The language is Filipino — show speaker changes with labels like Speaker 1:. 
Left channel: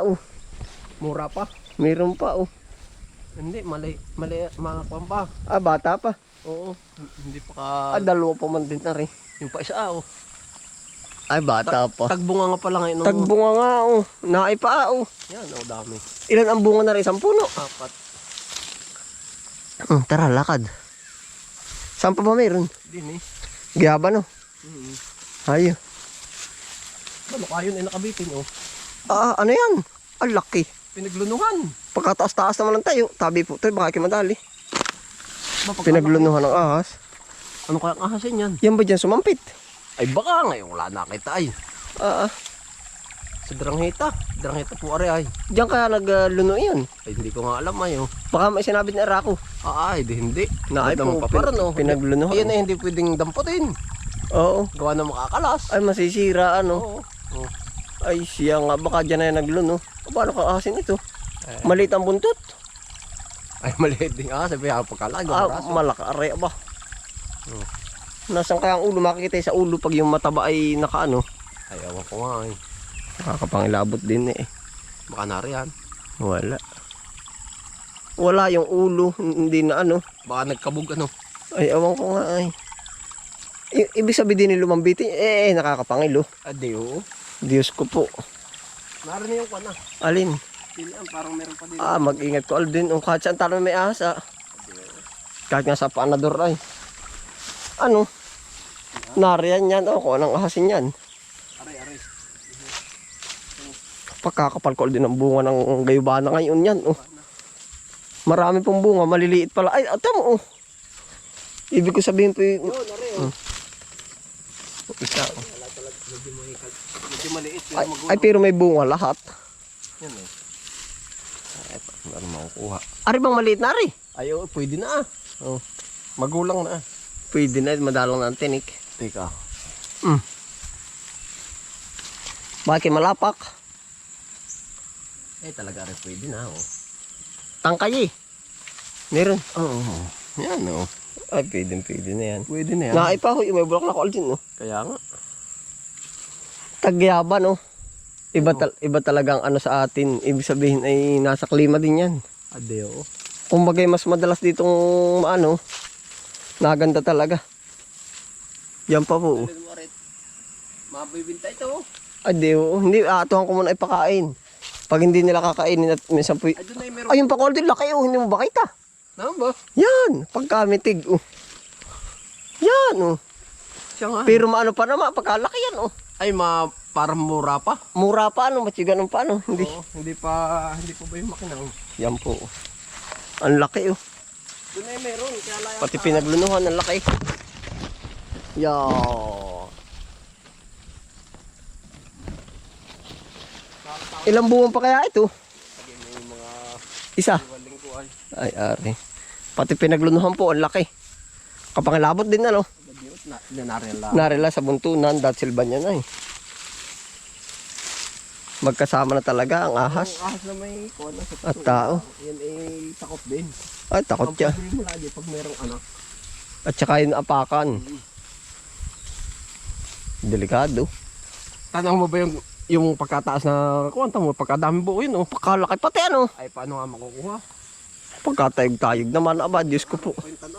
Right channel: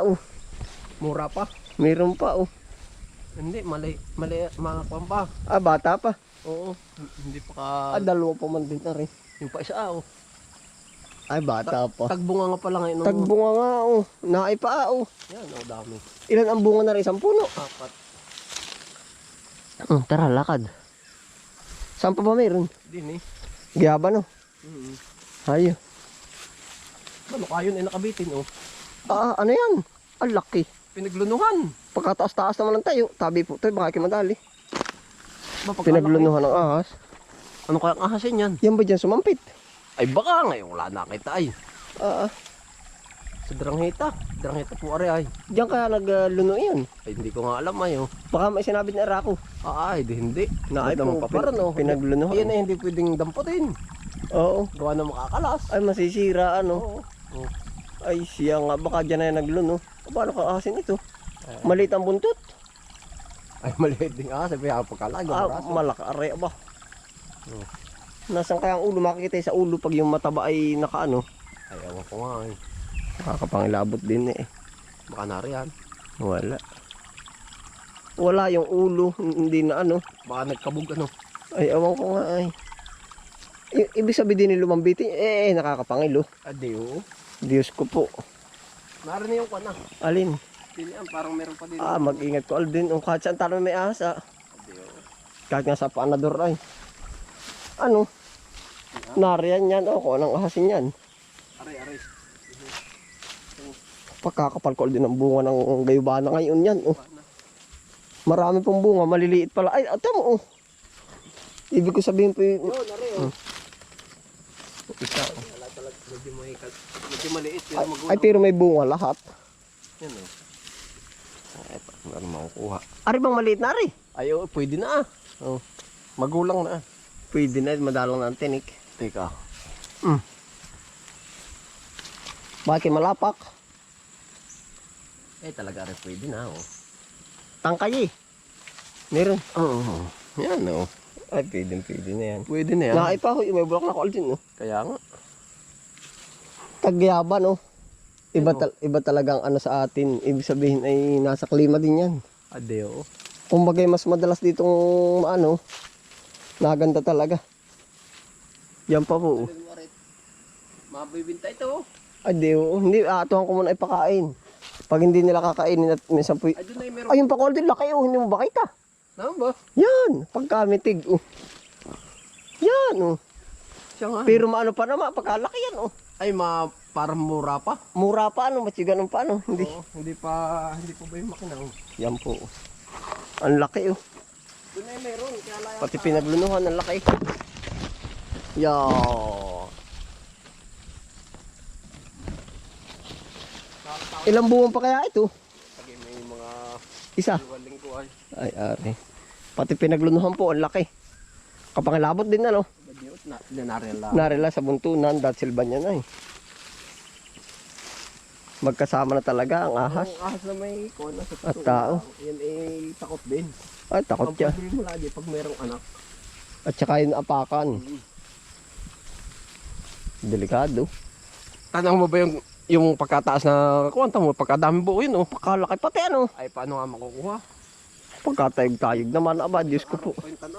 Speaker 1: oh.
Speaker 2: Mura pa.
Speaker 1: Meron pa oh.
Speaker 2: Hindi, mali, mali, mga kwan pa.
Speaker 1: Ah, bata pa.
Speaker 2: Oo, hindi pa ka,
Speaker 1: Ah, dalawa pa man din na rin.
Speaker 2: yung pa isa, oh.
Speaker 1: Ay, bata pa.
Speaker 2: Tagbunga nga pala ngayon. ng-
Speaker 1: Tagbunga nga oh. Naay pa oh.
Speaker 2: Yan, oh, dami.
Speaker 1: Ilan ang bunga na rin? Isang puno.
Speaker 2: Apat.
Speaker 1: Hmm, tara, lakad. Saan pa ba meron?
Speaker 2: Din eh.
Speaker 1: Giyaba no?
Speaker 2: Mm-hmm.
Speaker 1: Ay,
Speaker 2: Ano kayo na nakabitin, oh.
Speaker 1: Ah, ano yan? Ang laki.
Speaker 2: Pinaglunuhan.
Speaker 1: Pagkataas-taas naman lang tayo. Tabi po tayo, baka kimadali. Pinaglunuhan ng ahas.
Speaker 2: Ano kaya ang ahasin yan?
Speaker 1: Yan ba dyan sumampit?
Speaker 2: Ay baka ngayon wala nakita ay.
Speaker 1: Ah, ah.
Speaker 2: Sa Drangheta. Drangheta po ari ay.
Speaker 1: Diyan kaya nagluno yan.
Speaker 2: Ay hindi ko nga alam ay oh.
Speaker 1: Baka may sinabi ni Arako.
Speaker 2: Ah, ay di hindi.
Speaker 1: Na ay po,
Speaker 2: paparan oh.
Speaker 1: pinaglunuhan.
Speaker 2: Ayan ay hindi pwedeng damputin.
Speaker 1: Oo.
Speaker 2: Gawa na makakalas.
Speaker 1: Ay, masisira ano.
Speaker 2: Oo. Oh.
Speaker 1: Ay, siya nga. Baka dyan na yan nagluno. O, paano ka asin ito?
Speaker 2: Eh.
Speaker 1: Maliit ang buntot.
Speaker 2: Ay maliit din ah. Sabi ako pagkalag.
Speaker 1: Ah,
Speaker 2: braso.
Speaker 1: malakari ba?
Speaker 2: Oo.
Speaker 1: Nasaan kaya ang ulo? Makikita sa ulo pag yung mataba ay nakaano.
Speaker 2: Ay awan ko nga ay.
Speaker 1: Nakakapangilabot din eh.
Speaker 2: Baka nariyan.
Speaker 1: Wala. Wala yung ulo. Hindi na ano.
Speaker 2: Baka nagkabog ano.
Speaker 1: Ay, awan ko nga ay. I- ibig sabihin din ni lumambitin, eh, eh, nakakapangilo.
Speaker 2: Adi oo.
Speaker 1: Diyos ko po.
Speaker 2: Narin na yung kwan ah.
Speaker 1: Alin?
Speaker 2: Pilihan parang meron pa din.
Speaker 1: Ah, mag-ingat ko Aldin. Kung kahit saan tayo may ahas, ah. Kahit nga sa panador ay. Ano? Nariyan yan. O, kung anong ahasin yan.
Speaker 2: Aray aray.
Speaker 1: Pagkakapal ko din ang bunga ng gayubana ngayon yan. Oh. Marami pong bunga. Maliliit pala. Ay, mo. Oh. Ibig ko sabihin po yung...
Speaker 2: Yun aray oh.
Speaker 1: Isa, oh.
Speaker 2: Medyo maliit.
Speaker 1: Ay, ay, pero may bunga lahat.
Speaker 2: Yan oh. Ay, pa- meron makukuha.
Speaker 1: Ari bang maliit na ari?
Speaker 2: Ay, oo, pwede na ah. Oh. Magulang na ah.
Speaker 1: Pwede na. Madalang na ang tinik.
Speaker 2: Teka.
Speaker 1: Mm. Bakit malapak?
Speaker 2: Eh, talaga rin pwede na oh.
Speaker 1: Tangkay eh. Meron.
Speaker 2: Oo. Yan oh.
Speaker 1: Ay, pwede, pwede na yan.
Speaker 2: Pwede na yan.
Speaker 1: Naipahoy, may bulak na ko Aldin, no?
Speaker 2: Kaya nga.
Speaker 1: Tagyaban, no? Iba,
Speaker 2: Ano?
Speaker 1: tal- iba talagang ano sa atin. Ibig sabihin ay nasa klima din yan.
Speaker 2: Adeo.
Speaker 1: Kumbaga mas madalas ditong ano, naganda talaga. Yan pa po.
Speaker 2: Mabibinta ito oh.
Speaker 1: Ade, oo. hindi, atuhan ko muna ipakain. Pag hindi nila kakainin at minsan po, ayun pa ko din, laki oh, hindi mo ba kita?
Speaker 2: Naman ba?
Speaker 1: Yan, pagkamitig, oh. Yan, oh.
Speaker 2: Siya nga.
Speaker 1: Pero maano pa naman, pagkalaki yan, oh.
Speaker 2: Ay, ma, parang mura pa.
Speaker 1: Mura pa, ano, matsiganon pa, ano. Hindi.
Speaker 2: Oo, hindi pa, hindi pa ba yung makinang?
Speaker 1: Yan po. oh. Ang laki, oh.
Speaker 2: Doon ay meron. Kaya lang.
Speaker 1: Pati pinaglunuhan, ang laki. Yan. Ilang buwan pa kaya ito? Isa.
Speaker 2: iwaling ko ay.
Speaker 1: Ay, ari. Pati pinaglunuhan po, ang laki. Kapangilabot din, ano.
Speaker 2: Na, dinaryan lang.
Speaker 1: Narila sa buntunan, dahil silba niya na eh. Magkasama na talaga ang ahas.
Speaker 2: Ang ahas na may kuha na sa
Speaker 1: At tao.
Speaker 2: Yan ay takot din.
Speaker 1: Ay, takot
Speaker 2: Ang
Speaker 1: siya.
Speaker 2: problema mo lagi pag merong anak.
Speaker 1: At saka yung apakan. Delikado.
Speaker 2: Tanong mo ba yung yung pagkataas na kwanta mo, pagkadami buo yun, oh.
Speaker 1: Pakalaki pati ano.
Speaker 2: Ay, paano nga makukuha?
Speaker 1: Pagkatayog-tayog naman, aba, Diyos ko po.
Speaker 2: Kwenta